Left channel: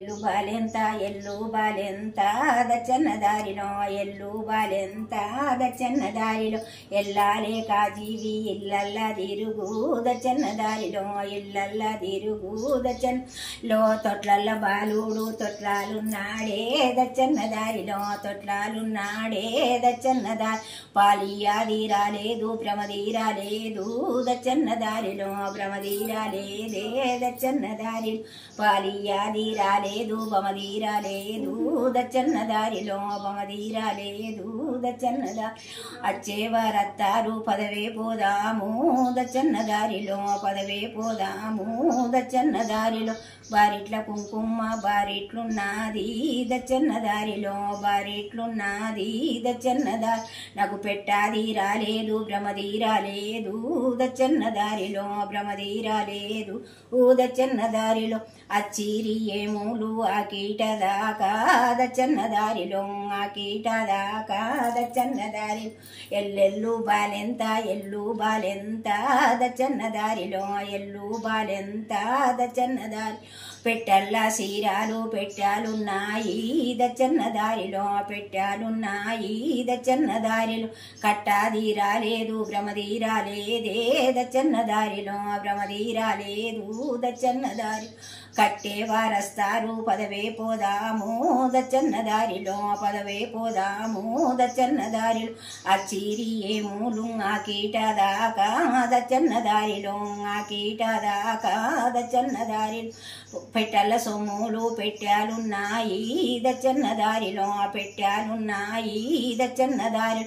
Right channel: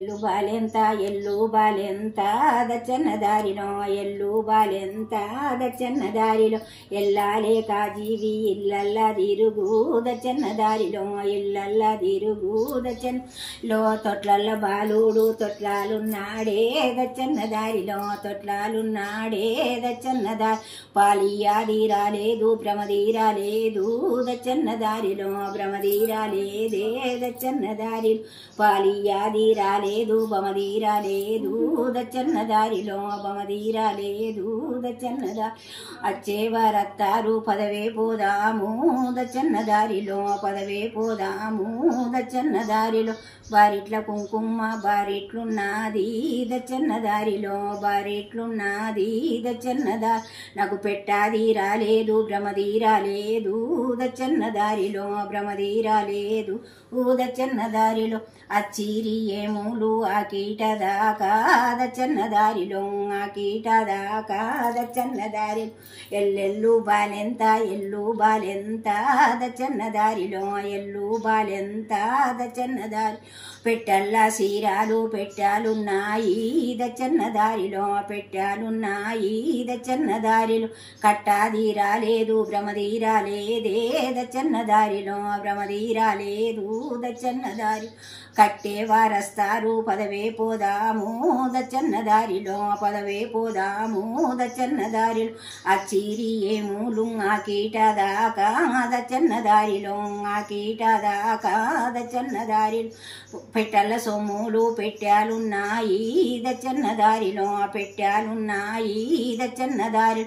ఎల్లు బాలెంత ఎల్లు బాలెంత దచ్చన్న దారిలో ఎల్లు బాలెంత దచ్చన్న దారిలో ఎల్లాలే కాజీవి ఇల్లల్లా తిరుగు దచ్చన్న దారిలో ఇల్లల్లా తిరుగు దచ్చన్నలో తొట్లల్ల బాలుడు తొట్లాలున్నాడే దచ్చన్న దారిలో తొట్లాలున్నాడే దచ్చన్న దారి పాలియాది రాలేదు భ్రమదీరాలేదు దచ్చన్న దారిలో భ్రమదీరాలేదే దచ్చన్న దారిలో పాలియాది రాలేదు బమదీరాలేదు దచ్చన్న దారిలో బమదీరాలేదు దచ్చన్న దారి అచ్చేవారత్తారు పదవే పోదాము దచ్చన్న దారిలో పదవే పోదాము దచ్చన్న దారిలో బారిట్ల కుంకుమ బారిట్లున్నది దచ్చన్న దారిలో బారిట్లున్నది దచ్చన్న దారి నాకు పెట్టాది రాలేదు భ్రమదీరాలేదు దచ్చన్న దారిలో భ్రమదీరాలేదు దచ్చన్న దారిలో అచ్చిరి ఏములు ఆ కీట దాకా దచ్చన్న దారిలో ఆ కీట దాకా దచ్చన్న దారిలో ఎల్లెల్లు బాలెంత ఎల్లు బాలెంత దచ్చన్న దారిలో ఎల్లు బాలెంత దచ్చన్న దారి పెట్టల్లా సీరాలు పెట్టాలున్నాయి దచ్చన్న దారిలో పెట్టాలున్నాయి దచ్చన్న దారిలో కట్టాది రాలేదు భ్రమదీరాలేదే దచ్చన్న దారిలో భ్రమదీరాలేదు దచ్చన్న దారి కట్టేవారస్తారు పదవే పోదాము దచ్చన్న దారిలో పదవే పోదాము దచ్చన్న దారిలో అచ్చిరి ఏమూలు ఆ కీట దాకా దచ్చన్న దారిలో ఆ కీట దాకా దచ్చన్న దారిలో పెట్టల సొమ్ములు పెట్టాలున్నాయి దచ్చన్న దారిలో పెట్టాలున్నాయి దచ్చన్న దారి